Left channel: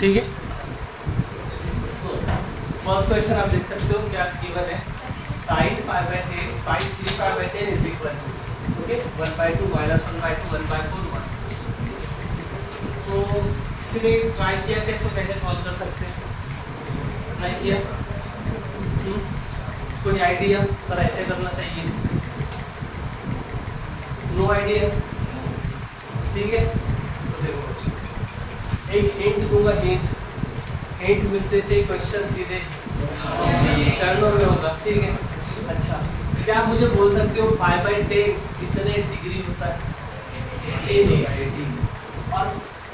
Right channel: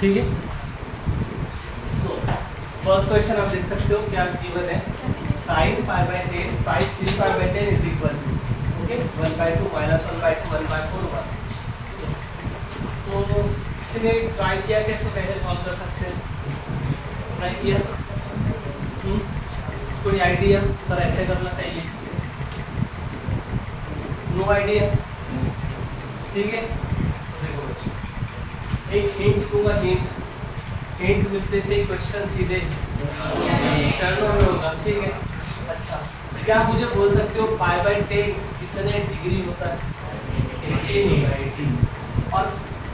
ठीक है। First question आप देख सकते हो क्या गिवन है, sin π/10 sin 3π/10 is equal to okay 1/2 -1/2 1/4 1। तो किसी ने ट्राई किया कि इसको कैसे सॉल्व कर सकते हैं? ट्राई किया? कोई आइडिया? सर ऐसे करना चाहिए, नो आइडिया? ठीक है, तो देखो बच्चों एक हिंट दूंगा, हिंट मिलते से क्वेश्चन सीधे चरणों में होगा। ठीक है, अच्छा क्या आप मुझे बोल सकते हो π/10 कितने डिग्री होता है? 18 होगा, 18। और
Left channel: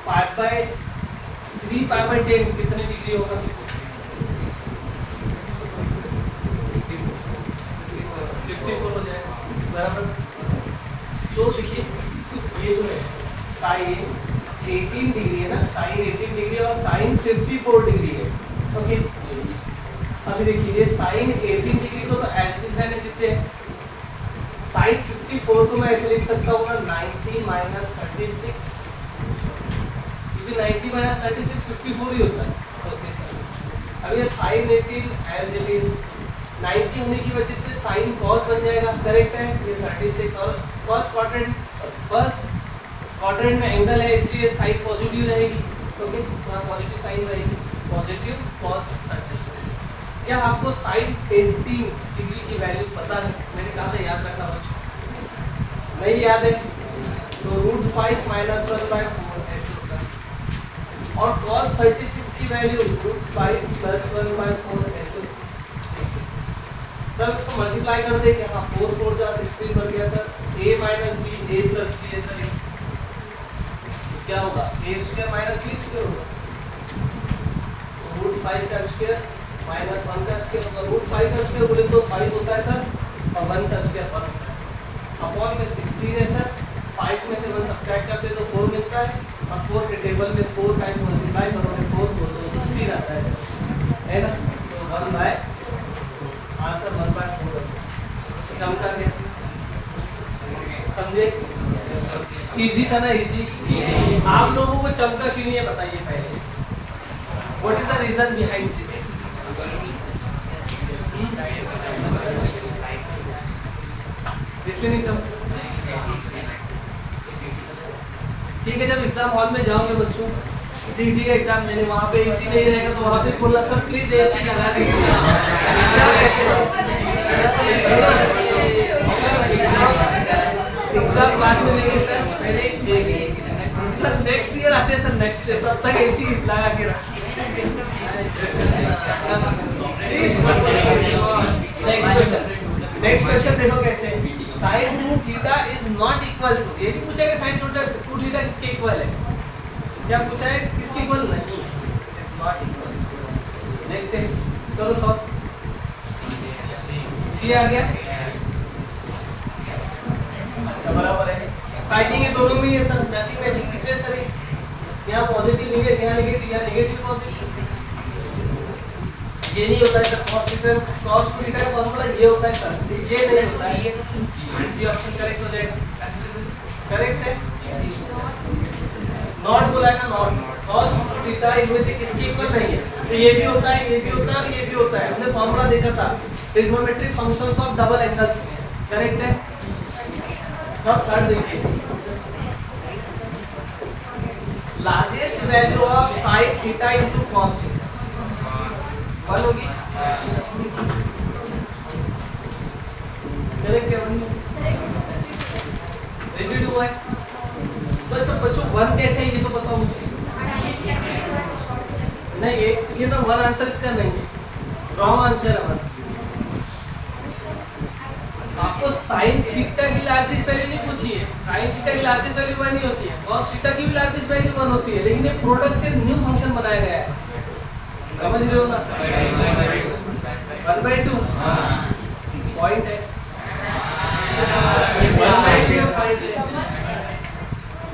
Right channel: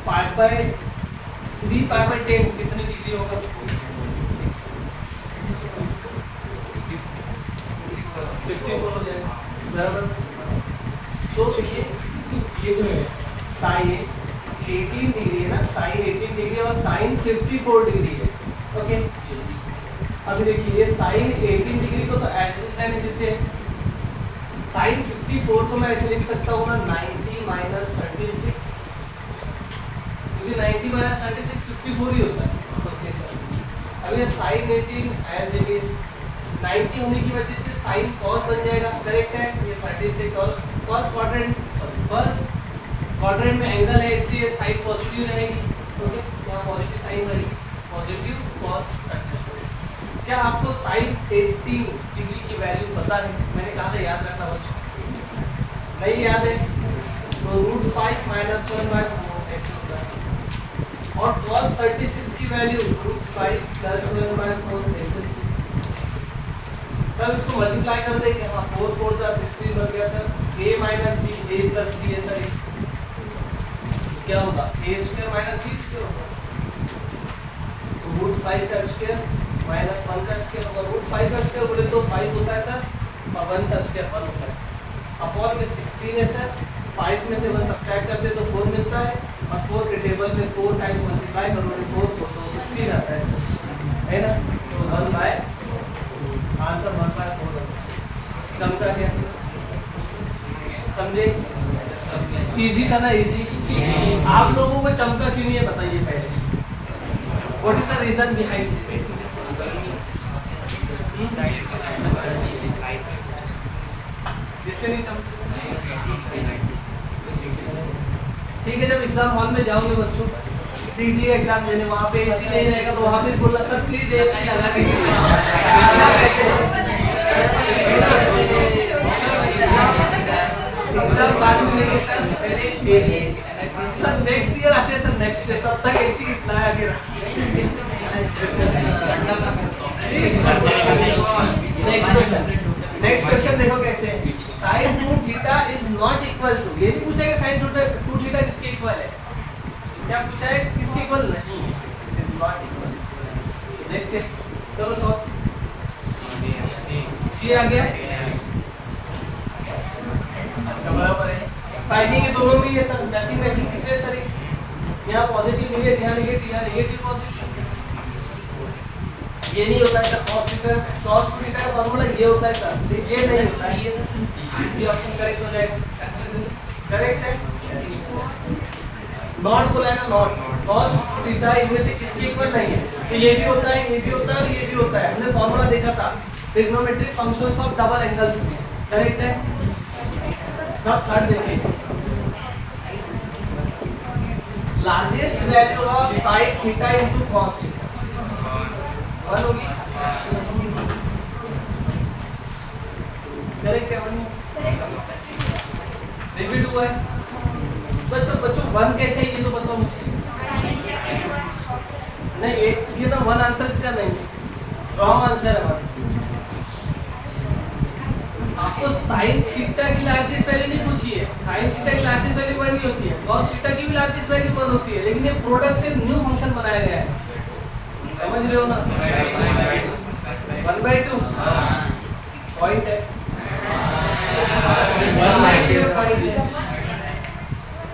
π/3π/10 कितने डिग्री होगा? 54 हो जाएगा, बराबर। तो देखिए ये जो है साइन 18 डिग्री है ना, साइन 18 डिग्री और साइन 54 डिग्री है। ओके, अभी देखिए ये साइन 18 डिग्री को तो एज इट इज रहने देते हैं, साइन 54 को मैं ऐसे लिख सकता हूँ ना 90 - 36, क्योंकि 90 - 36 54 ही होता है। ओके सर, अब ये साइन 18 एज इट इज 90 होने की वजह से साइन कॉस बन जाएगा, करेक्ट है। ये 36 और फर्स्ट क्वाड्रेंट में एंगल है इसलिए साइन पॉजिटिव रहेगी। ओके, तो पॉजिटिव साइन रहेगी, पॉजिटिव cos 36। क्या आपको साइन 18 डिग्री की वैल्यू पता है? मैंने कहा था याद रखना बच्चों, नहीं याद है तो √5 - 1/4 ऐसे होता है। और cos 36 की वैल्यू √5 + 1/4 ऐसे। सर इसको मल्टीप्लाई कर देंगे, हाँ 4 4 × 16 हो गया sir. a - b a + b है सर, क्या होगा? a² - b² होगा, तो √5 का स्क्वायर -1 का स्क्वायर होगा। √5 का स्क्वायर बोले तो 5 होता है सर, और 1 का स्क्वायर 1 होता है। अपॉन में 16 है सर, 5 में से 1 सब्ट्रैक्ट करते तो 4 मिलता है, और 4 के टेबल में 4 टाइम्स मल्टीप्लाई करोगे 4 तो 16 आता है सर, है ना। तो 1/, आंसर 1/4 चमका क्या? समझे? इजी था ना, इजी। आप लोगों को चमका क्यों नहीं है बताइए पहले, what is the reason behind this? इसलिए नहीं चमका। ठीक है, जब एग्जाम हॉल में जाओगे बच्चों सीडी एग्जाम देने, वहाँ पे एसी नहीं रहेगा तो वहाँ पे बोलना सर प्लीज एसी लगा दीजिए। एग्जाम बाद में लेंगे सर, पहले एसी। सर नेक्स्ट ईयर आते हैं सर, नेक्स्ट ईयर तब तक एसी लगा के रखिए। नेक्स्ट क्वेश्चन देखो कैसे है। sin 2θ is not equal to, ये भी पूछा है sin 2θ किसके इक्वल है? क्या पूछा है? किसके इक्वल नहीं है, इज नॉट इक्वल। देखते हैं, चलो सॉल्व। सी आ गया, अच्छा बराबर है। फाइंडिंग ये दोनों में ये सर मैचिंग दिख रही है सर, यहाँ पॉजिटिव नहीं है, यहाँ नेगेटिव, यहाँ नेगेटिव पॉजिटिव। ये नहीं होता है सर, cos 2θ का फॉर्मूला ये होता है सर, ये नहीं होता है। इसी ऑप्शन करेक्ट हो जाएगा, करेक्ट है। नॉट बोला है ना, नॉट cos 2θ इनमें से किसके इक्वल नहीं है, तो ये भी होता है, ये भी होता है और ये भी होता है। हमने फॉर्मूला देखा था trigonometric functions of double angles में, करेक्ट है। अब थर्ड देखिए, largest value of sin θ into cos θ 1 होगी, करेक्ट है। 1 रिपीट हुआ है बच्चों, 1 कैसे है ये तो बताओ मुझे। नहीं ये तो 1 आंसर इसका नहीं है, रॉन्ग आंसर है 1। आपको sin θ की लार्जेस्ट वैल्यू नहीं पूछी है, sin θ की लार्जेस्ट वैल्यू 1 नहीं होती है, cos θ की भी लार्जेस्ट वैल्यू 1 होती है, लेकिन ये प्रोडक्ट से न्यू फंक्शन बनाया गया है, समझ रहे हो ना। 1/2 पॉइंट है, 1/2 पॉइंट है,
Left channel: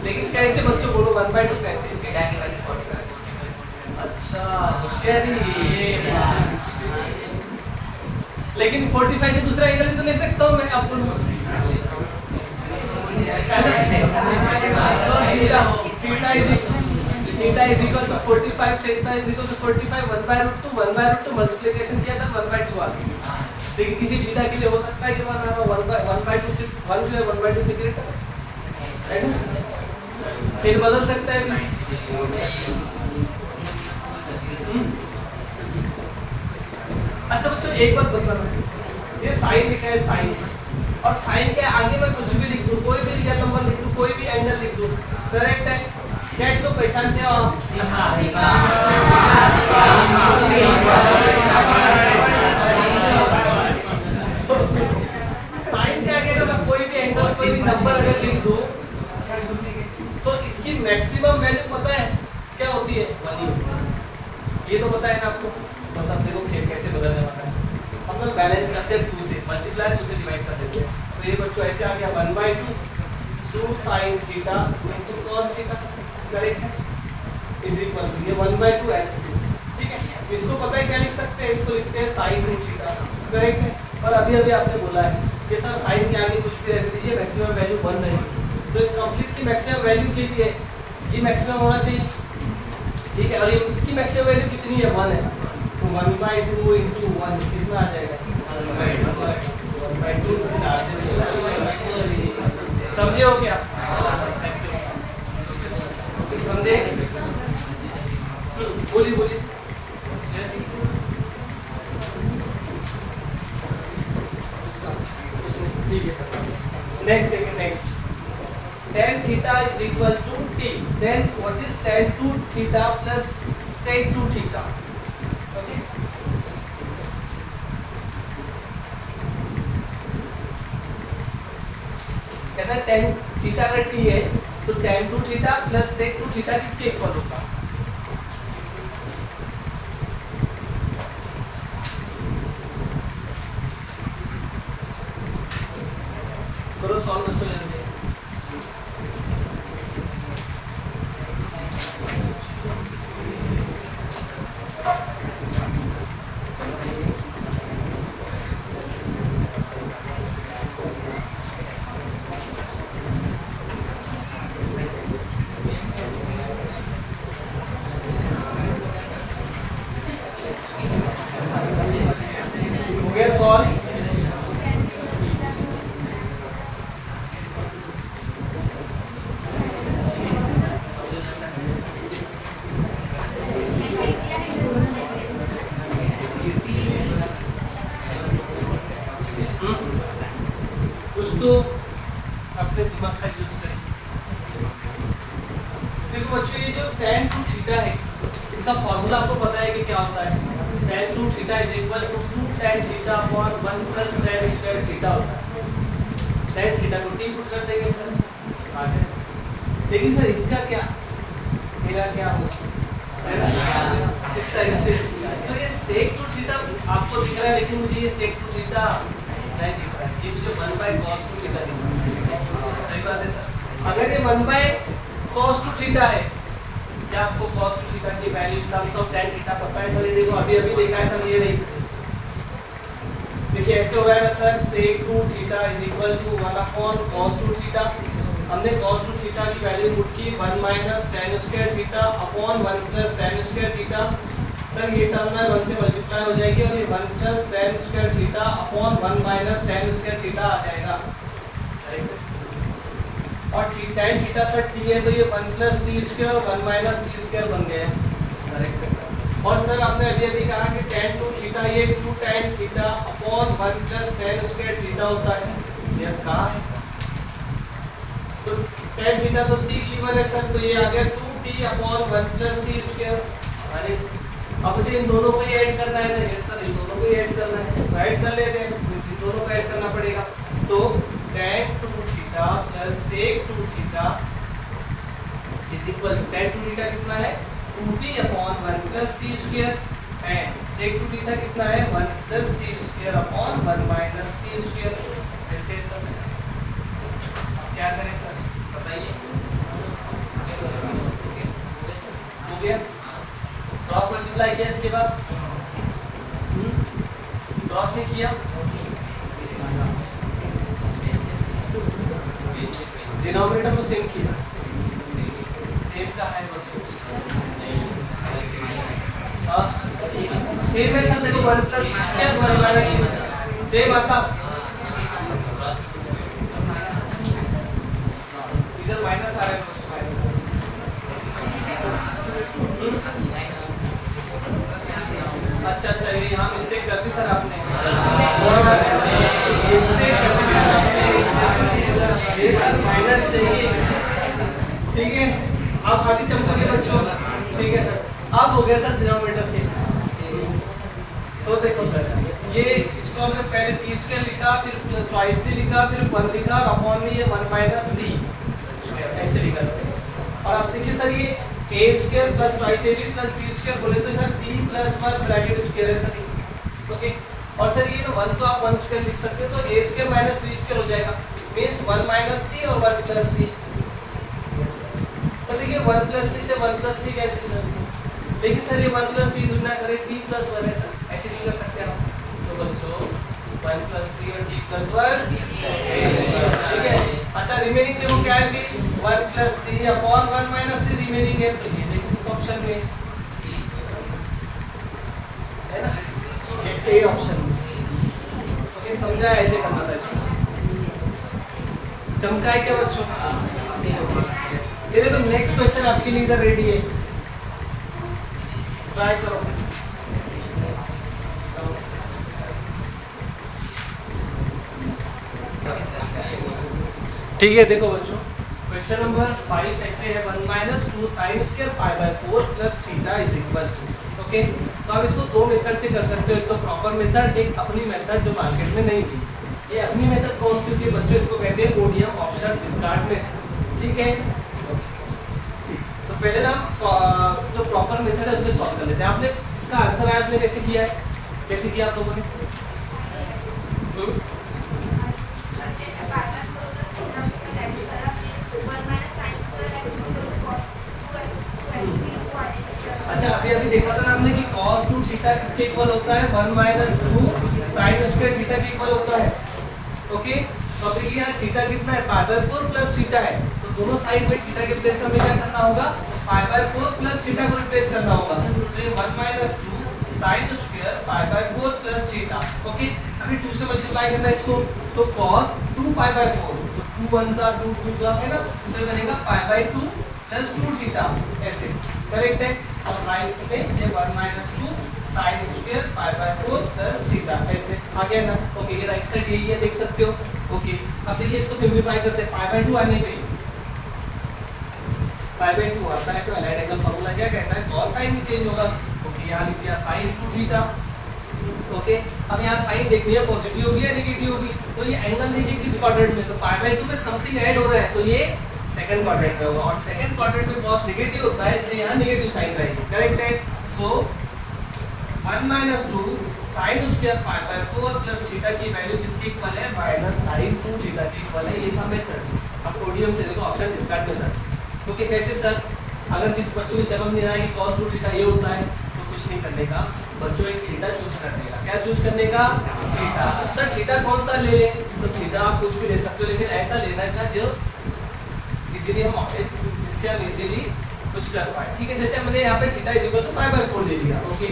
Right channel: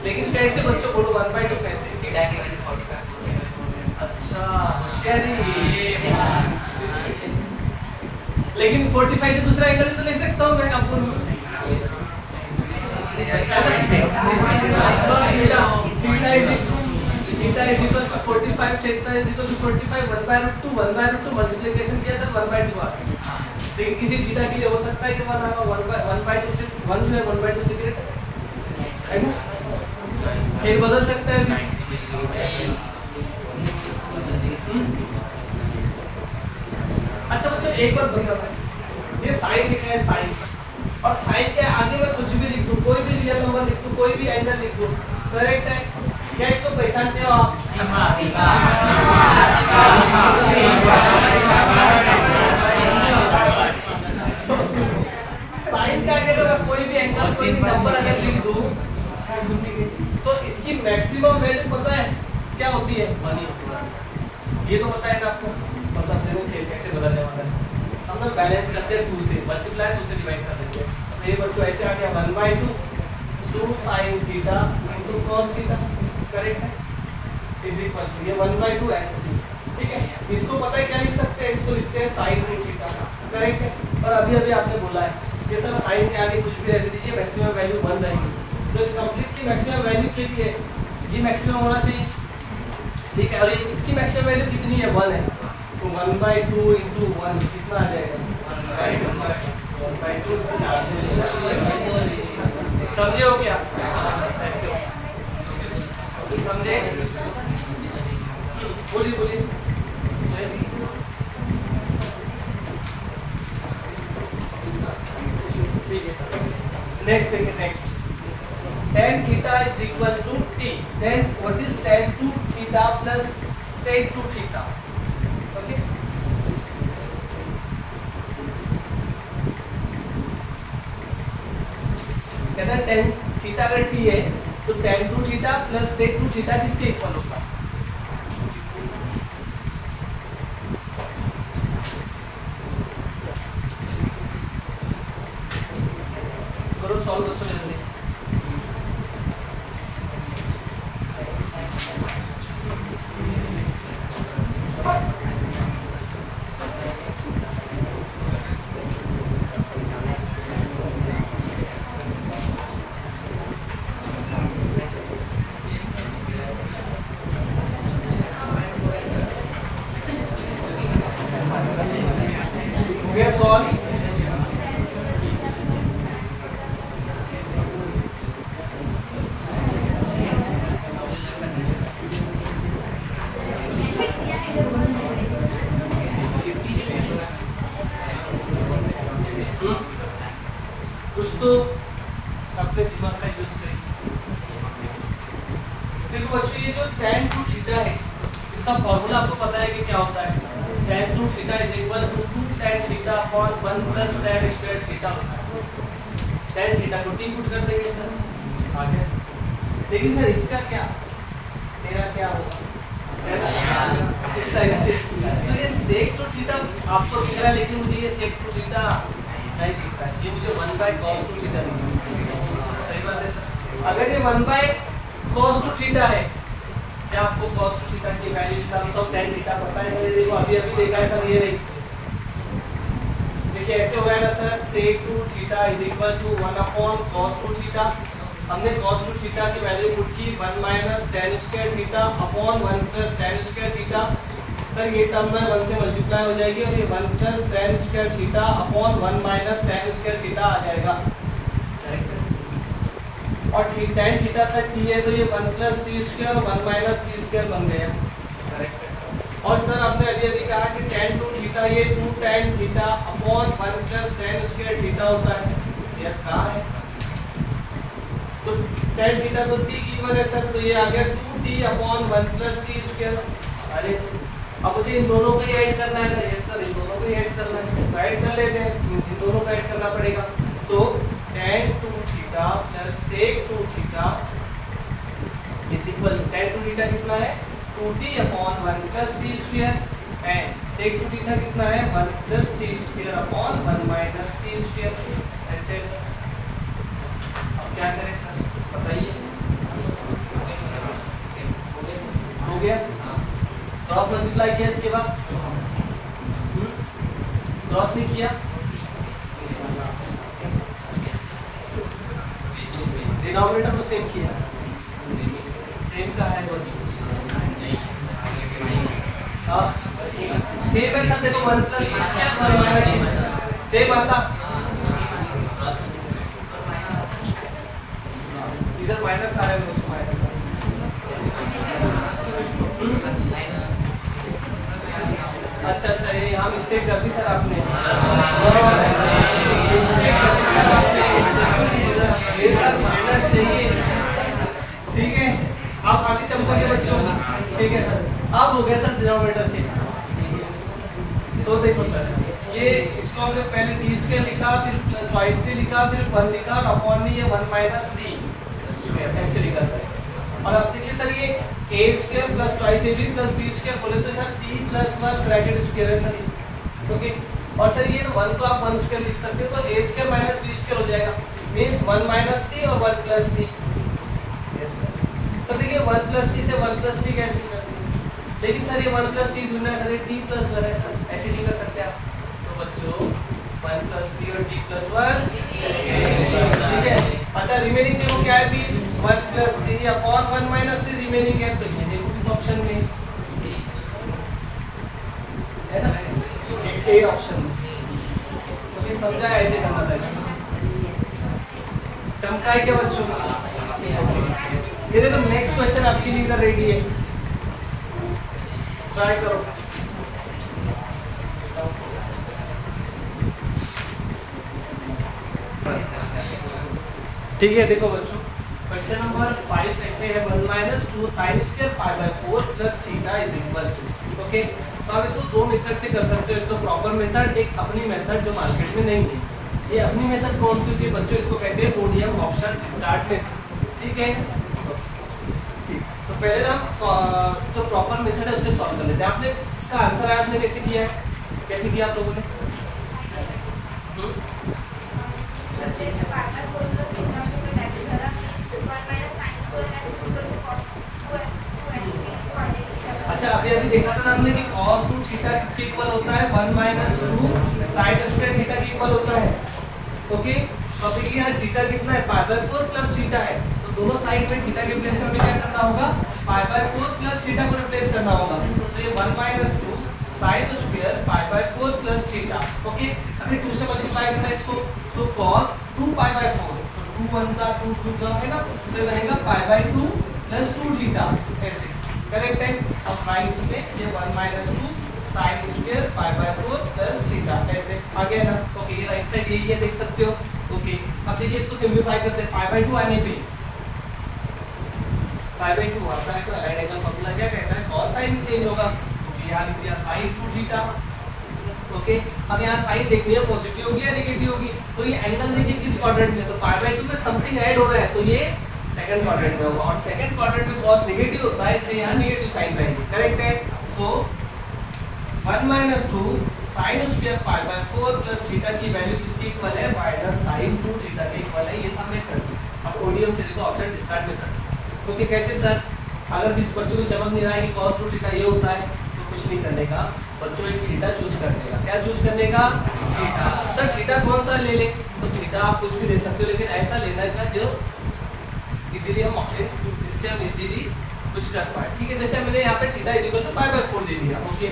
लेकिन कैसे बच्चों बोलो 1/2 कैसे? अच्छा होशियारी, लेकिन 45 से दूसरा एंगल भी तो ले सकता हूँ मैं आपको। Theta is theta is equal to 45, theta is equal to 45 1/√2 multiplication किया सर 1/2 आ गया। लेकिन किसी थीटा के लिए हो सकता है कि 1/2 से 1 जो है 1/2 से ग्रेटर है ना, फिर बदल सकता है भी। अच्छा बच्चों एक बात बताना, ये साइन लिखा है साइन, और साइन के आगे मैं कुछ भी लिख दूं, कोई भी रियल नंबर लिख दूं, कोई भी एंगल लिख दूं, करेक्ट है क्या? इसको पहचानते हो आप? साइन के आगे अगर मैं कोई भी एंगल कोई भी नंबर अगर लिख दूं तो इसकी मैक्सिमम वैल्यू पता है क्या होती है? 1 ही होती है। ये तो पता है ना आपको, बस अब देखो खेल कैसे बदलने वाला है। हम लोग बैलेंस करते हैं 2 से, मल्टीप्लाई 2 से डिवाइड कर देते हैं, तो ये बच्चों ऐसे आ गया 1/2 sin theta into cos theta, correct है, इज इक्वल टू ये 1/2 एज इट इज, ठीक है। इसको पता है क्या लिख सकते हैं? इसको लिखते हैं sin थीटा, करेक्ट है। और अभी अभी आपने बोला है कि सर sin के आगे कुछ भी रहने दीजिए, मैक्सिमम वैल्यू 1 रहेगी, तो इस कंप्लीट की मैक्सिमम वैल्यू के लिए ये मैक्सिमम होना चाहिए, ठीक है। और ये इसकी मैक्सिमम वैल्यू कितनी है? 1 है, तो 1/2 इंटू 1 कितना आ जाएगा? 1/2 समझे हो क्या? ऐसे समझे? बोलिए बोलिए। ठीक है, नेक्स्ट देखिए, next tan theta is equal to t, then what is tan 2 theta plus sec 2 theta? Okay, कहते हैं tan theta अगर t है तो tan 2 theta plus sec 2 theta किसके इक्वल होगा? करो सॉल्व बच्चों, लेंगे सॉल्व। कुछ तो अपने दिमाग का यूज करें। देखो बच्चों, ये जो tan 2 थीटा है इसका फॉर्मूला आपको पता है कि क्या होता है? tan 2 theta is equal to 2 tan theta upon 1 plus tan square theta होता है। tan थीटा को t पुट कर देंगे सर, आगे सर। लेकिन सर इसका क्या, मेरा क्या होगा? इस टाइप से, तो ये sec 2 थीटा आपको दिख रहा है, लेकिन मुझे ये sec 2 थीटा नहीं दिख रहा है, ये मुझे 1/cos 2 थीटा दिख रहा है। सही बात है सर। अगर ये 1/cos 2 थीटा है, क्या आपको cos 2 थीटा की value in terms of tan theta पता है सर? ये देखो अभी अभी देखा है सर, ये नहीं देखिए ऐसे हो गया ना sir, sec 2 theta is equal to 1/cos 2 theta. हमने cos 2 थीटा की वैल्यू पुट की 1 minus tan square theta upon 1 plus tan square theta. Sir ये टर्म में 1 से मल्टीप्लाई हो जाएगी और ये 1 plus tan square theta upon 1 minus tan square theta आ जाएगा, और tan थीटा सर t है, तो ये 1 प्लस t स्क्वायर और 1 माइनस t स्क्वायर बन गया, करेक्ट है सर। और सर आपने अभी अभी कहा कि tan 2 थीटा ये 2 tan theta upon 1 plus tan square theta होता है, यस कहा है। तो tan थीटा तो t गिवन है सर, तो ये आ गया 2t upon 1 plus t square. अरे अब मुझे इन दोनों को ही ऐड करना है ना? यस सर, इन दोनों को ही ऐड करना है, तो ऐड कर लेते हैं, इन दोनों को ऐड करना पड़ेगा। So tan 2 theta plus sec 2 theta is equal to tan 2 theta कितना है? 2t upon 1 plus t square, and sec 2 theta कितना है? 1 plus t square upon 1 minus t square. ऐसे सर अब क्या करें सर बताइए? हो गया, क्रॉस मल्टीप्लाई किया, इसके बाद क्रॉस नहीं किया, डिनोमिनेटर को सेम किया, सेम का है बच्चों। सेम है सर, देखो 1 plus T square 1 minus T same आता, इधर माइनस आ रहा है, माइनस अच्छा अच्छा, ये यहाँ मिस्टेक कर दी सर आपने, ये सर माइनस चाहिए, ठीक है। आप आगे चमकोगे बच्चों, ठीक है सर। अब हो गया सर डिनोमिनेटर से, तो देखो सर ये इसको हमने पहले टी स्क्वायर लिखा, फिर ट्वाइस टी लिखा, फिर 1 लिखा और अपॉन में ये 1 माइनस डी स्क्वायर ऐसे लिखा सर। और अब देखिए सर ये A square plus twice A B plus B square बोले तो sir T plus 1 bracket square है सर, ओके। और सर ये 1 को आप 1 स्क्वायर लिख सकते हो, तो ए स्क्वायर माइनस बी स्क्वायर हो जाएगा, मींस 1 माइनस टी और 1 plus T. Yes sir. Sir देखिए 1 प्लस टी से 1 प्लस टी कैंसिल कर दिया, लेकिन सर ये 1 प्लस टी जुड़ना है सर, ये टी प्लस 1 है सर, ऐसे नहीं कर सकते आप। तो बच्चों 1 प्लस टी और टी प्लस 1, ठीक है। अच्छा रिमेनिंग देखो क्या है, फिर 1 plus T upon 1 minus T remaining है, तो ये देखो इस ऑप्शन में है ना, ए ऑप्शन में, ओके। समझा, ऐसे करना था इसको। चमका है क्या बच्चों? ये देखो नेक्स्ट क्वेश्चन आपके लिए इधर रेडी है, ट्राई करो। ठीक है, देखो बच्चों क्वेश्चन नंबर 5 ऐसे है, 1 minus 2 sine square pi by 4 plus theta is equal to, okay. तो आप इसको दो मेथड से कर सकते हो, एक तो प्रॉपर मेथड, एक अपनी मेथड जो मार्केट में नहीं थी। ये अपनी मेथड कौन सी थी बच्चों? इसको कहते हैं ओडीएम ऑप्शन स्टार्ट में, ठीक है। तो पहले ना जो प्रॉपर मेथड है उससे सॉल्व कर लेते हैं। आपने इसका आंसर आज में कैसे किया है, कैसे किया आप लोगों ने? अच्छा अभी अभी देखा था ना हमने कि cos 2 थीटा किसके इक्वल होता है? 1 माइनस 2 sin स्क्वायर थीटा के इक्वल होता है, ओके। तो अब देखिए यहाँ थीटा कितना है? पाई बाय 4 प्लस थीटा है, तो दोनों साइड में थीटा के प्लेस में हमें क्या करना होगा? पाई बाय 4 प्लस थीटा को रिप्लेस करना होगा। तो ये 1 minus 2 sin square pi by 4 plus theta, okay. अभी 2 से मल्टीप्लाई करना है इसको, तो cos 2 पाई बाय 4, तो 2 1 जा 2 2 जा, है ना, तो रहेगा पाई बाय 2 प्लस 2 थीटा, ऐसे करेक्ट है। अब राइट में ये 1 minus 2 sin square pi by 4 plus theta, ऐसे आ गया ना, ओके। ये राइट साइड यही है, देख सकते हो, ओके। अब देखिए इसको सिंपलीफाई करते हैं, पाई बाय 2 आने पे पाई बाय 2 आता है, तो अलाइड एंगल फार्मूला क्या कहता है? cos sin चेंज होगा, तो यहाँ लिख दिया sin 2 थीटा, ओके। अब यहाँ साइन देखनी है, पॉजिटिव होगी या नेगेटिव होगी, तो ये एंगल देखिए किस क्वाड्रेंट में, तो पाई बाय 2 में समथिंग ऐड हो रहा है, तो ये सेकंड क्वाड्रेंट में होगा, और सेकंड क्वाड्रेंट में cos नेगेटिव होता है, इसलिए यहाँ नेगेटिव साइन रहेगी, करेक्ट है। सो 1 minus 2 sin square pi by 4 plus theta की वैल्यू किसके इक्वल है? माइनस sin 2 थीटा के इक्वल है। ये था मेथड्स। अब ओडीएम से देखो ऑप्शन डिस्कार्ड मेथड्स, ओके। कैसे सर? अगर किस बच्चों को चमक नहीं रहा है कि cos 2 थीटा ये होता है, तो कुछ नहीं करने का बच्चों, एक थीटा चूज करने का। क्या चूज करने का? थीटा। सर थीटा कौन सा ले ले? तो थीटा आप कुछ भी ले सकते हो, लेकिन ऐसा लेना का जो इजीली हम जिससे हम इजीली कुछ कर पाए, ठीक है। जैसे हमने यहाँ पे theta is equal to pi by 4 ले लिया, okay.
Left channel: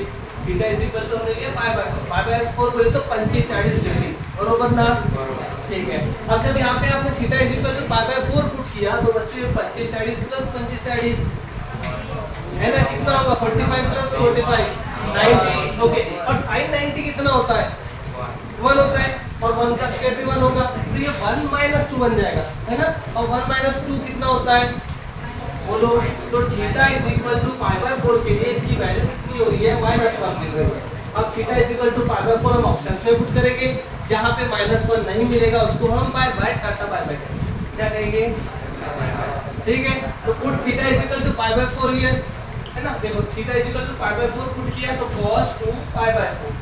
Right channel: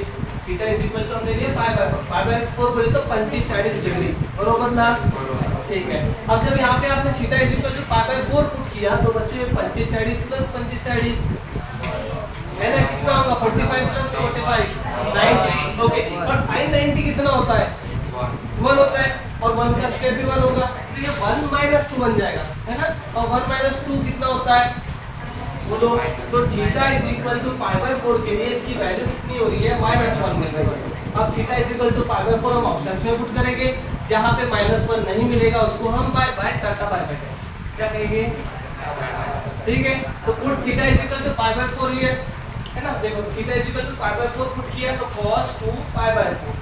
Theta is equal to हमने लिया पाई बाय 4, पाई बाय 4 बोले तो 45 डिग्री, बरोबर ना, ठीक है। अब जब यहाँ पे आपने theta is equal to pi by 4 put किया, तो बच्चों 45 प्लस 45 है ना, कितना होगा? 45 प्लस 45 90, ओके। और sin 90 कितना होता है? 1 होता है, और 1 का स्क्वायर भी 1 होगा, तो ये 1 माइनस 2 बन जाएगा, है ना। और 1 माइनस 2 कितना होता है? बोलो। तो theta is equal to pi by 4 के लिए इसकी वैल्यू कितनी हो रही है? -1 मिल रही है। अब theta is equal to pi by 4 हम ऑप्शंस में पुट करेंगे, जहां पे -1 नहीं मिलेगा उसको हम बाय टाटा बाय बाय करेंगे, क्या कहेंगे? ठीक है। तो put theta is equal to pi by 4 here, है ना। देखो theta is equal to pi by 4 put किया, तो cos 2 पाई बाय 4,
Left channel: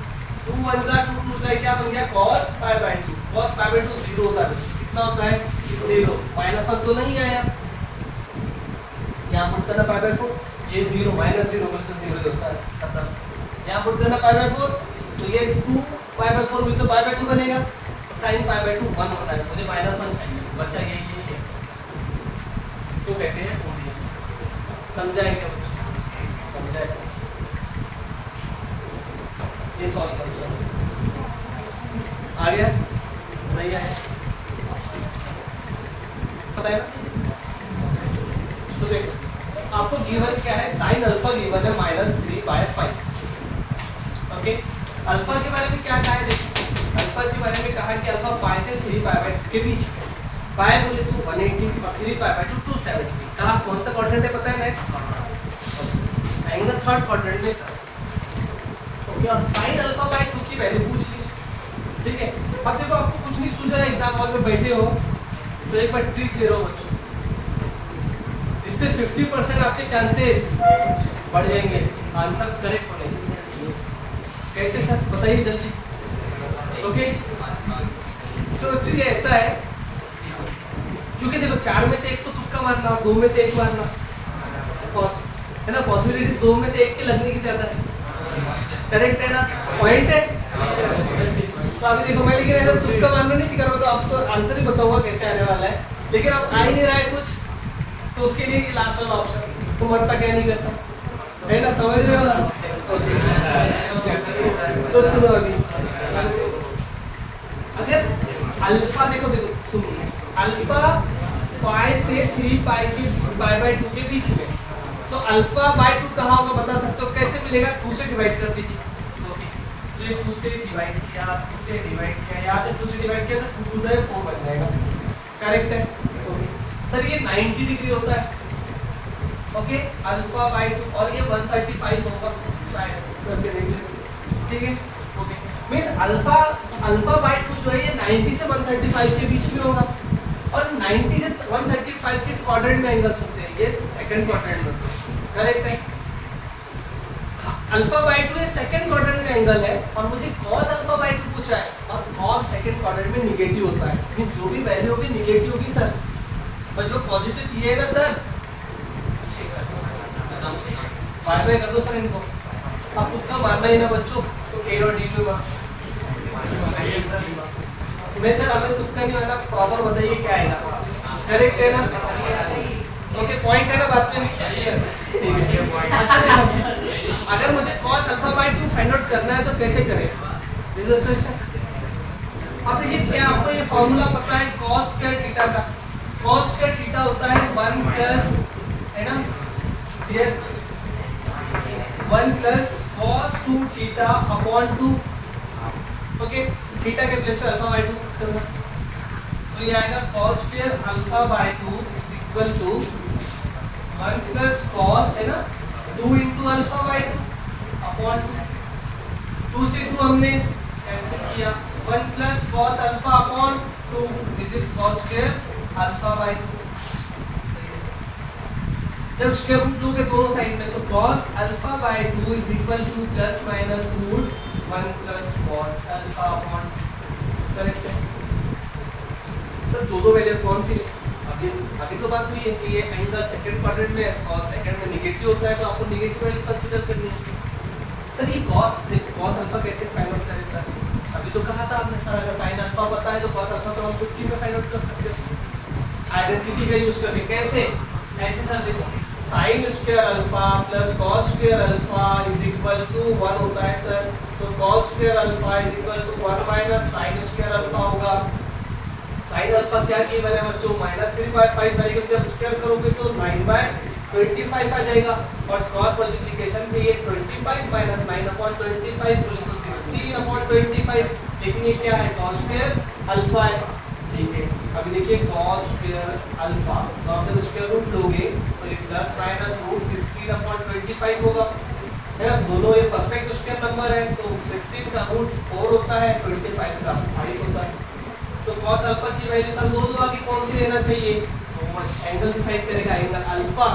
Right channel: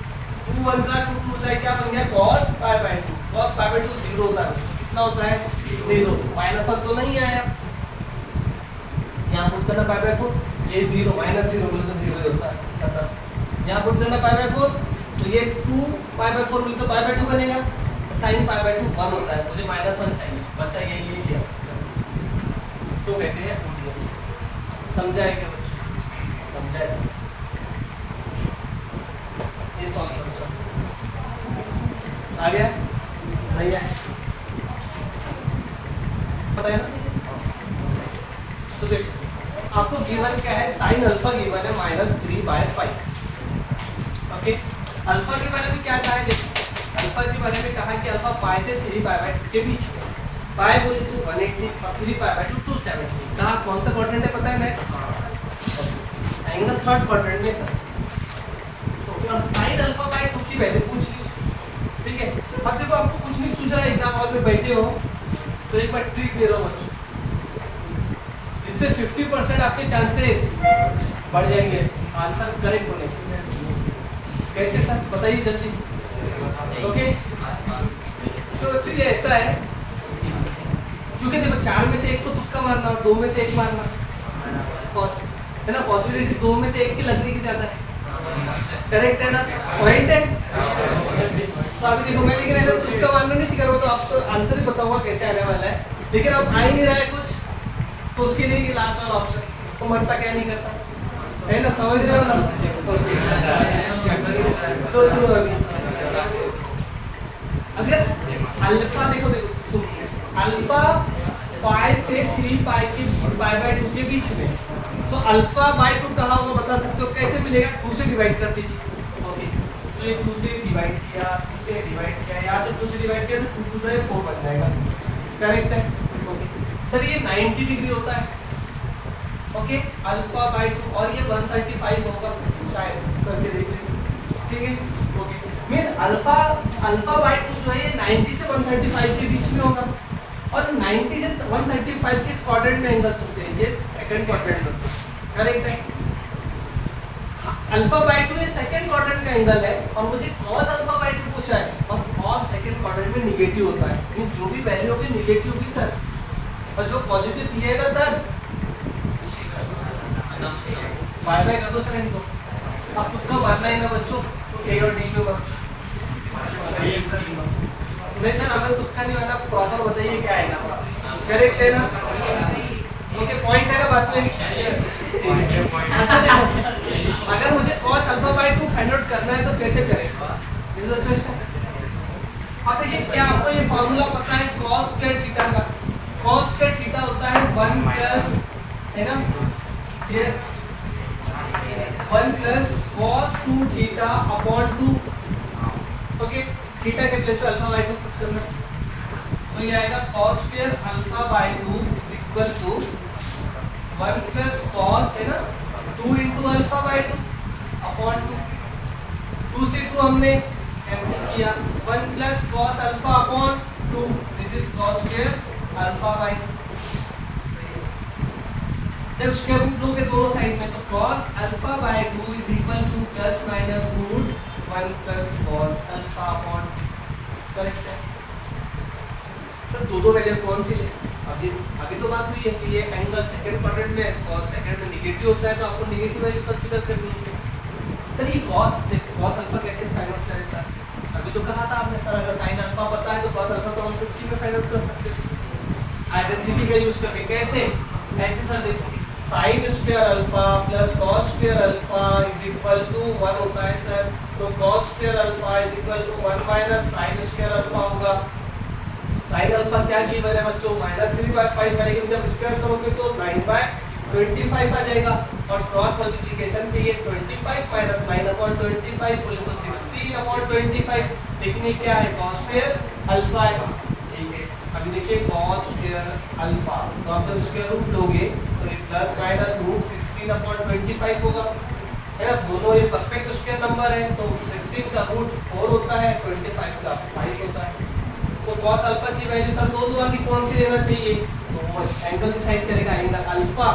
2 1 जा 2 2 जा, क्या बन गया? cos pi by 2, cos pi by 2 0 होता है, कितना होता है? 0, -1 तो नहीं आया, यहाँ पुट करना पाई बाय 4, ये 0 -0 बोले तो 0 ही होता है, खत्म। यहाँ पुट करना पाई बाय 4, तो ये 2 पाई बाय 4 बोले तो पाई बाय 2 बनेगा, sin पाई बाय 2 1 होता है, मुझे -1 चाहिए, बच्चा ये क्या, इसको कहते हैं ओडीएम। समझा है क्या? समझा है। है साइन अल्फा गिवन है -3/5। ओके, अल्फा के बारे में क्या कहा है, देखिए अल्फा के बारे में कहा कि अल्फा पाई से 3π/2 के बीच में, पाई बोले तो 180 और 3π/2 270। कहा कौन सा क्वाड्रेंट है पता है नेक्स्ट, एंगल थर्ड क्वाड्रेंट में सर। ओके, और साइन अल्फा बाय 2 की वैल्यू पूछ ली, ठीक है। अब देखो आपको कुछ नहीं सूझ रहा है, एग्जाम हॉल में बैठे हो तो एक बार ट्रिक दे रहा हूँ बच्चों, जिससे 50% आपके चांसेस बढ़ जाएंगे आंसर करेक्ट होने के। कैसे सर बताइए जल्दी। ओके, सोचिए ऐसा है, क्योंकि देखो 4 में से एक को तुक्का मारना और 2 में से एक मारना है ना, पॉसिबिलिटी 2 में से एक के लगने की ज्यादा है, करेक्ट है ना, पॉइंट है। तो अभी देखो मैं लेकिन अगर तुक्का मारना नहीं सीख रहा हूँ तो आपको आंसर ही बताऊंगा कैसे आने वाला है, लेकिन अब आ ही नहीं रहा है कुछ, तो उसके लिए ये लास्ट वाला ऑप्शन, तो मरता क्या नहीं करता है ना, समझ रहे हो ना। तो सुनो अभी, अगर अल्फा देखो सुनिए, अल्फा पाई से 3π/2 के बीच में, तो अल्फा बाय 2 कहाँ होगा बता सकते हो, कैसे मिलेगा, 2 से डिवाइड कर दीजिए। ओके, तो ये 2 से डिवाइड किया, 2 से डिवाइड किया, यहाँ से 2 से डिवाइड किया तो 2 2 4 बन जाएगा, करेक्ट है। ओके सर, ये 90 डिग्री होता है। ओके, अल्फा बाय 2 और ये 135 होगा शायद, करके देख लेते, ठीक है। ओके, मींस अल्फा बाय 2 जो है ये 90 से 135 के बीच में होगा, और 90 से 135 के क्वाड्रेंट में एंगल्स होते हैं, ये सेकंड क्वाड्रेंट में, करेक्ट है। अल्फा बाय 2 ये सेकंड क्वाड्रेंट का एंगल है, और मुझे cos अल्फा बाय 2 पूछा है, और cos सेकंड क्वाड्रेंट में नेगेटिव होता है, यानी जो भी वैल्यू होगी नेगेटिव होगी सर, और जो पॉजिटिव दिएगा सर बाय बाय कर दो सर इनको, आप तुक्का मारना ही ना बच्चों, ए और डी में मैं सर हमें तुक्का नहीं मारना, प्रॉपर बताइए क्या है ना, करेक्ट है ना। ओके, पॉइंट है ना बात में। अच्छा देखो, अगर मुझे cos alpha by 2 find out करना है तो कैसे करें, अब देखिए क्या आपको ये फॉर्मूला पता है cos स्क्वायर थीटा का, cos स्क्वायर थीटा होता है 1 प्लस, है ना, yes 1 plus cos 2 theta upon 2। Okay, theta के प्लेस पे अल्फा बाय 2 पुट करना, तो ये आएगा cos square alpha by 2 is equal to 1 plus cos, है ना, 2 इंटू अल्फा बाय 2 अपॉन 2 से 2 हमने कैंसिल किया, 1 plus cos alpha upon 2, this is cos square alpha by 2। जब स्क्वायर रूट लोगे दोनों साइड में, तो cos alpha by 2 is equal to plus minus root 1 plus cos alpha upon, correct है sir. दो वैल्यू कौन सी है, अभी तो बात हुई है कि ये एंगल सेकंड क्वाड्रेंट में है, cos सेकंड में नेगेटिव होता है, तो आपको नेगेटिव वैल्यू कंसीडर करनी है सर। ये cos अल्फा कैसे फाइंड आउट करें सर, अभी तो कहा था आपने सर अगर sin अल्फा पता है तो cos अल्फा तो हम 50 में फाइंड आउट कर सकते हैं आइडेंटिटी का यूज करके। कैसे, ऐसे सर देखो, sin square alpha plus cos square alpha is equal to 1 होता है सर, तो cos square alpha is equal to 1 minus sin square alpha होगा। sin अल्फा क्या की वैल्यू है बच्चों, -3/5 है, लेकिन जब स्क्वायर करोगे तो 9/25 आ जाएगा, और क्रॉस मल्टीप्लिकेशन पे ये 25 माइनस 9/25 बोले तो 16/25, लेकिन ये क्या है cos स्क्वायर अल्फा है, ठीक है। अभी देखिए cos स्क्वायर अल्फा, तो आप जब स्क्वायर रूट लोगे तो ये प्लस माइनस रूट 16/25 होगा, है ना, दोनों ये परफेक्ट स्क्वायर नंबर है, तो 16 का रूट 4 होता है, 25 का 5 होता है, तो cos अल्फा की वैल्यू सर दो आगे कौन सी लेना चाहिए, तो एंगल डिसाइड करेगा, एंगल अल्फा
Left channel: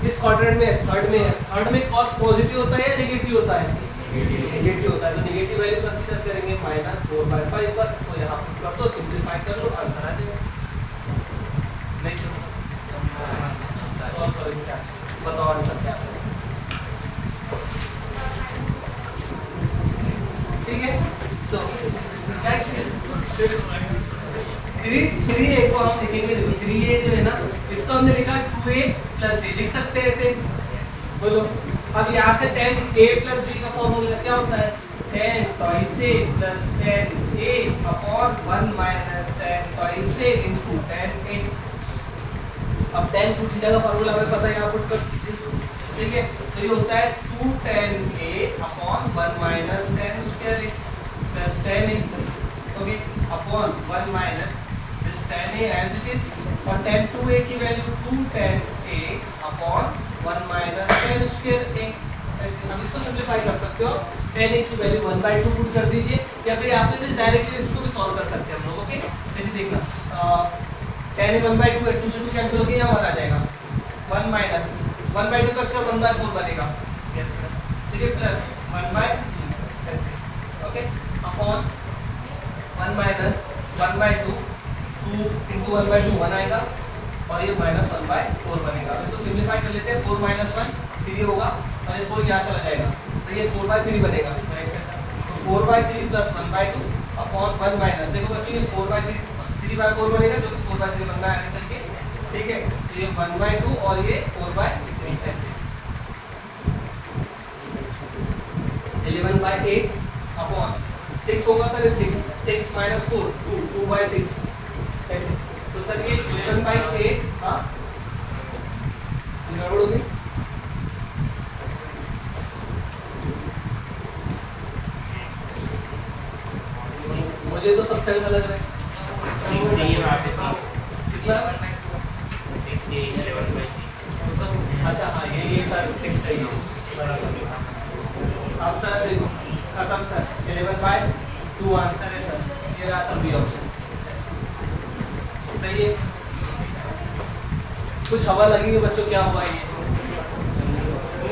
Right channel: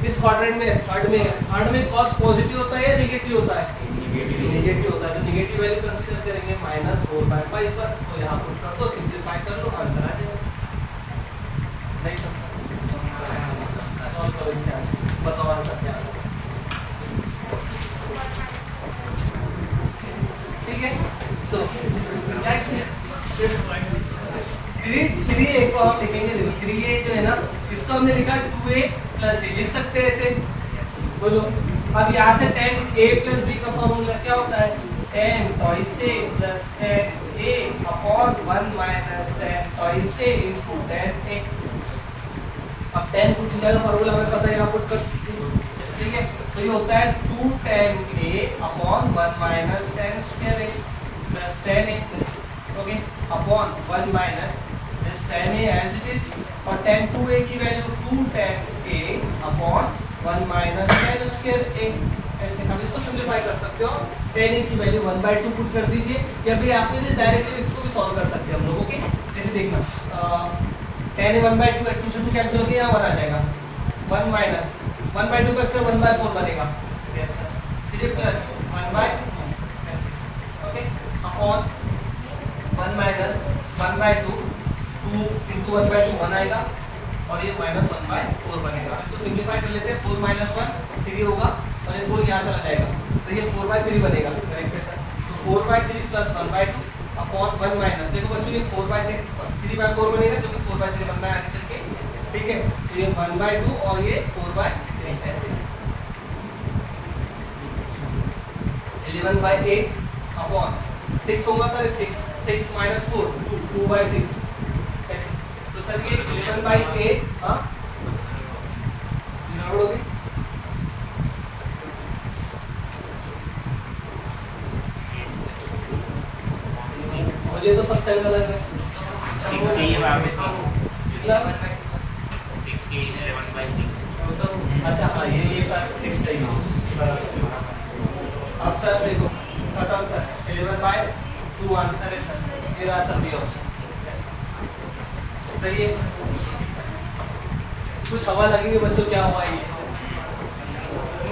किस क्वाड्रेंट में, थर्ड में है, थर्ड में cos पॉजिटिव होता है या नेगेटिव होता है, नेगेटिव होता है, तो नेगेटिव वैल्यू कंसीडर करेंगे -4/5, बस इसको यहाँ पुट कर दो, सिंपलीफाई कर लो, आंसर आ जाएगा। नेक्स्ट सॉल्व करो इसका, बताओ आंसर क्या है, ठीक है। सो थ्री ए को हम लिखेंगे, देखो 3a जो है ना, इसको हमने लिखा 2a प्लस a, लिख सकते हैं ऐसे, बोलो। अब यहाँ से tan a प्लस b का फॉर्मूला क्या होता है, tan twice a plus tan a upon 1 minus tan twice a into tan a। अब tan 2 थीटा का फॉर्मूला हमें पता है, यहाँ पुट कर दीजिए, ठीक है, तो ये होता है 2 tan a upon 1 minus tan square a plus tan a, okay, upon 1 minus this tan a as it is, और tan 2a की value 2 tan a upon 1 minus tan square a। ऐसे हम इसको सिंपलीफाई कर सकते हो, tan a की value 1/2 put कर दीजिए, या फिर आप डायरेक्टली इसको भी सॉल्व कर सकते हैं हम लोग, ओके। जैसे देखना tan a 1/2 है, 2 से 2 कैंसिल हो गया, यहाँ 1 आ जाएगा, 1 माइनस 1/2 का स्क्वायर 1/4 बनेगा, यस सर, ठीक है, प्लस 1/2 ऐसे, ओके, अपॉन 1 माइनस 1/2 2 into 1/2 1 आएगा, और ये माइनस 1/4 बनेगा। इसको सिंपलीफाई कर लेते हैं, 4 माइनस 1 3 होगा, और ये 4 यहाँ चला जाएगा, तो ये 4/3 बनेगा, करेक्ट है सर। तो 4/3 प्लस 1/2 अपॉन 1 माइनस, देखो बच्चों ये 4/3 3/4 बनेगा, जो कि 4/3 बनना है आगे चल के, ठीक है। तो ये 1/2 और ये 4/3 ऐसे 11/8 अपॉन 6 होगा सर, 6 माइनस 4 2/6 ऐसे। तो सर ये 11/8 हाँ गड़बड़ हो गई, मुझे तो सब चंगा लग रहा है। कितना 11/6। अच्छा हाँ ये सर 6 चाहिए। अब सर देखो खत्म सर, 11/2 आंसर है सर, ये रहा सर बी ऑप्शन, सही है। कुछ हवा लगेगी बच्चों, क्या हुआ ये।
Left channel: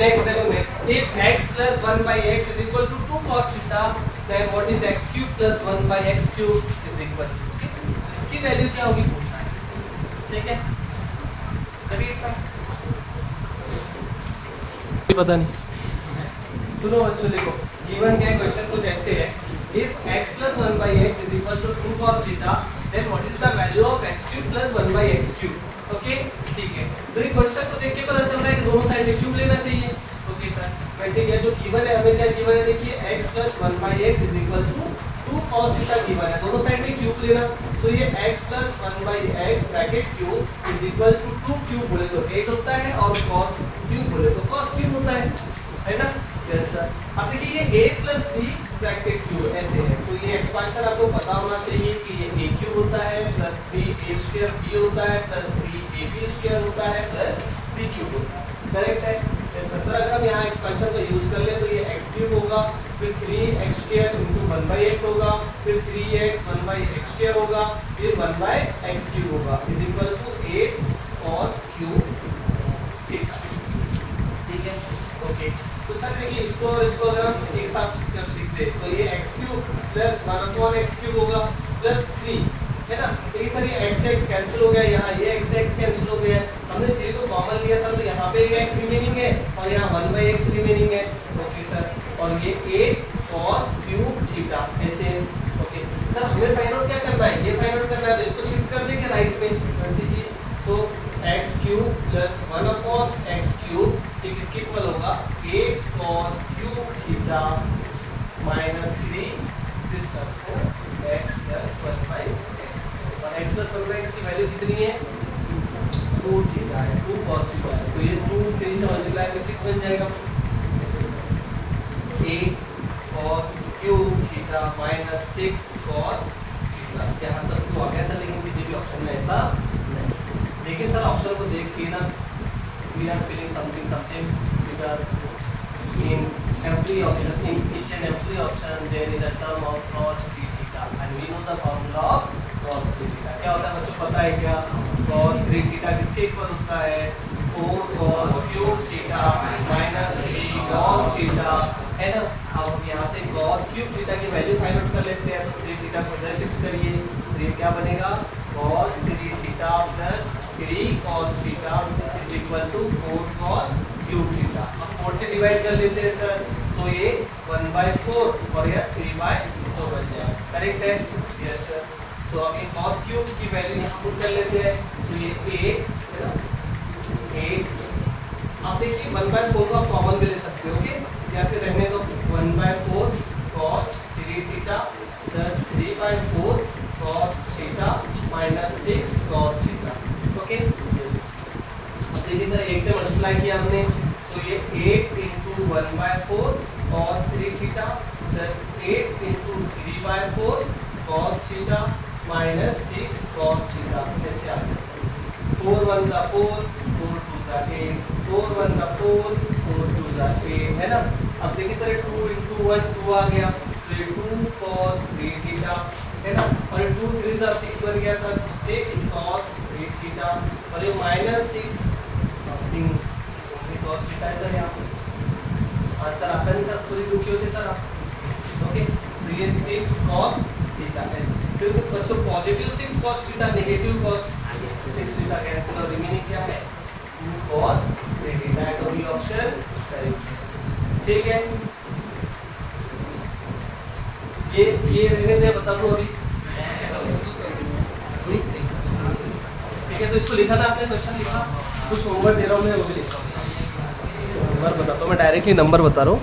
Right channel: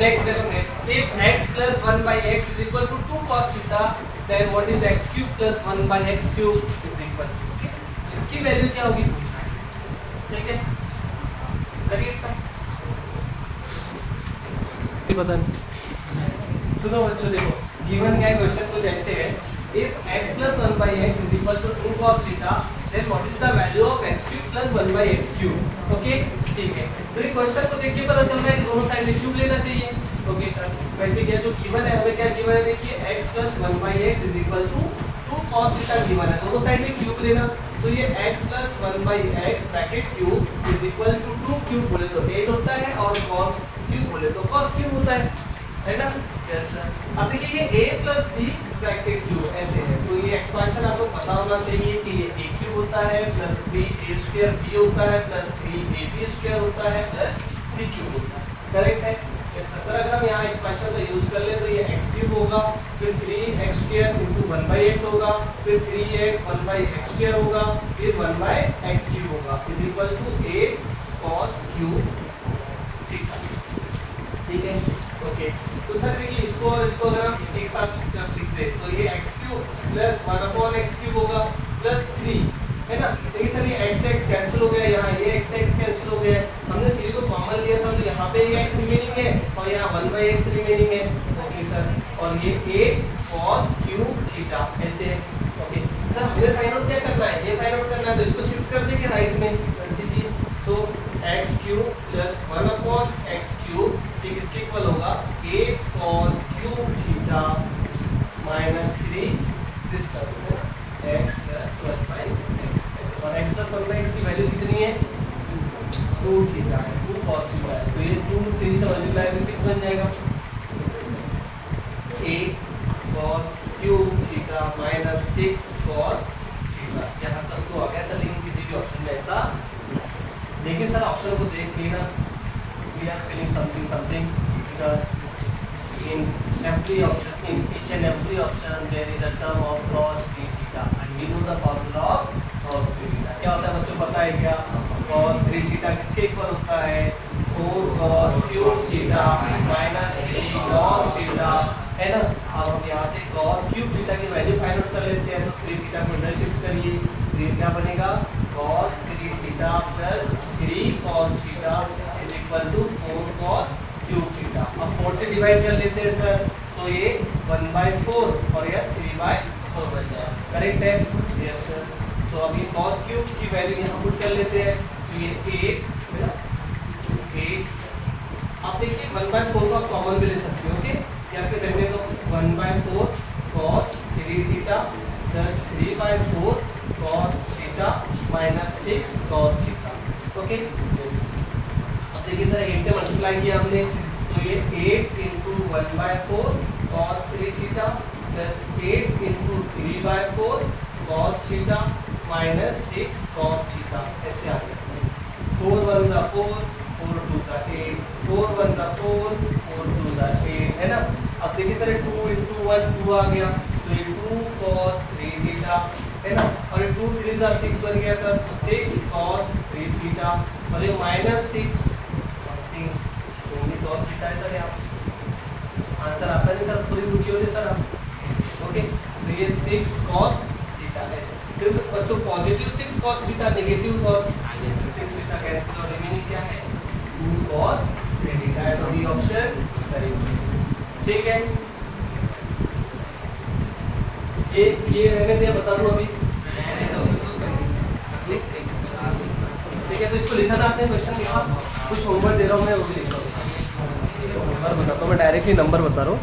नेक्स्ट देखो, next if x plus 1/x is equal to 2 cos theta, then what is x cube plus 1/x cube is equal to, okay? इसकी वैल्यू क्या होगी पूछना है, ठीक है, करिए पता नहीं। सुनो बच्चों देखो, गिवन क्या है क्वेश्चन कुछ ऐसे है, if x plus 1/x is equal to 2 cos theta, then what is the value of x cube plus 1/x cube, okay, ठीक है। तो ये क्वेश्चन को देख के पता चल रहा है कि दोनों साइड में क्यूब लेना चाहिए, ओके सर। वैसे क्या जो गिवन है, हमें क्या गिवन है, देखिए x plus 1/x is equal to 2 cos theta given है, दोनों साइड में क्यूब लेना, तो ये x plus 1/x bracket cube is equal to 2 cube बोले तो 8 होता है, और cos क्यूब बोले तो cos क्यूब होता है ना, यस सर। अब देखिए ये a plus b bracket cube ऐसे है, तो ये एक्सपेंशन आपको पता होना चाहिए कि ये a क्यूब होता है प्लस 3a स्क्वायर b होता है प्लस 3ab स्क्वायर होता है प्लस b क्यूब होता है, करेक्ट है। सर अगर हम यहाँ एक्सपेंशन का यूज कर लें तो ये x क्यूब होगा, फिर 3x स्क्वायर इंटू 1/x होगा, फिर 3x 1/x स्क्वायर होगा, फिर 1/x क्यूब होगा, is equal to 8 cos cube theta, ठीक है, ओके। तो सर देखिए इसको और इसको अगर हम एक साथ लिख दे तो ये x cube plus 1/x cube होगा प्लस 3, है ना। देखिए सर ये x कैंसिल हो गया, यहाँ ये x कैंसिल हो गया, हमने 3 को कॉमन लिया सर, तो यहाँ पे ये x रिमेनिंग है और यहाँ 1/x रिमेनिंग है, ओके सर। और ये 8 cos क्यूब थीटा ऐसे है, ओके सर। हमें फाइंड आउट क्या करना है, ये फाइंड आउट करना है, तो इसको शिफ्ट कर देंगे राइट में, कर दीजिए। सो x cube plus 1/x cube ठीक इसके इक्वल होगा 8 cos cube theta minus 3 this term है ना, x प्लस 1/x, और x प्लस 1/x की वैल्यू कितनी है 2 थीटा है, 2 cos थीटा है, तो ये 2 3 से मल्टीप्लाई करके 6 बन जाएगा, 8 cos cube theta minus 6 cos theta, यहाँ तक तो आ गया सर, लेकिन किसी भी ऑप्शन में ऐसा नहीं। लेकिन सर ऑप्शन को देख के ना we are feeling something because in every option, in each and every option there is a term of cos 3 theta and we know the formula of cos 3 theta। क्या होता है बच्चों पता है क्या, cos 3 theta किसके इक्वल होता है 4 cos cube theta minus 3 cos theta, है ना। अब हम यहाँ से cos क्यूब थीटा की वैल्यू फाइंड आउट कर लेते हैं, तो 3 थीटा को इधर शिफ्ट करिए, तो ये क्या बनेगा cos 3 theta plus 3 cos theta is equal to 4 cos cube theta. अब 4 से डिवाइड कर लेते हैं सर, तो ये 1/4 और ये 3/4 बन जाएगा, करेक्ट है, यस सर। सो अभी cos क्यूब की वैल्यू यहाँ पुट कर लेते हैं, तो ये 8 है ना, 8। अब देखिए 1/4 को आप कॉमन में ले सकते हो, ओके, या फिर रहने दो 1/4 cos 3 theta plus 3/4 cos theta minus 6 cos theta, okay, yes. अब देखिए सर 8 से मल्टीप्लाई किया हमने, तो ये 8 into 1/4 cos 3 theta plus 8 into 3/4 cos theta minus 6 cos theta. ऐसे आ गया सर। 4 1 जा 4, 4 2 जा 8, 4 1 जा 4, 4 2 जा 8, है ना। अब देखिए सर 2 इंटू 1 2 आ गया, तो ये 2 cos 3 थीटा है ना, और ये 2 3 जा 6 बन गया सर, 6 cos 3 थीटा, और ये माइनस 6 समथिंग भी cos थीटा है सर। यहाँ आंसर आता नहीं सर, खुद ही दुखी होते सर आप। ओके, तो ये 6 cos थीटा ऐसे। फिर बच्चों positive 6 cos theta, negative cos 6 theta cancel, और रिमेनिंग क्या है 2 cos 3 थीटा है, तो बी ऑप्शन करेक्ट। ठीक है, ये रहने दे, बता दूं अभी। ठीक है, तो इसको लिखा था आपने, क्वेश्चन लिखा, कुछ होमवर्क दे रहा हूँ मैं, वो भी लिखा। नंबर बताता हूँ मैं, डायरेक्टली नंबर बता रहा हूँ।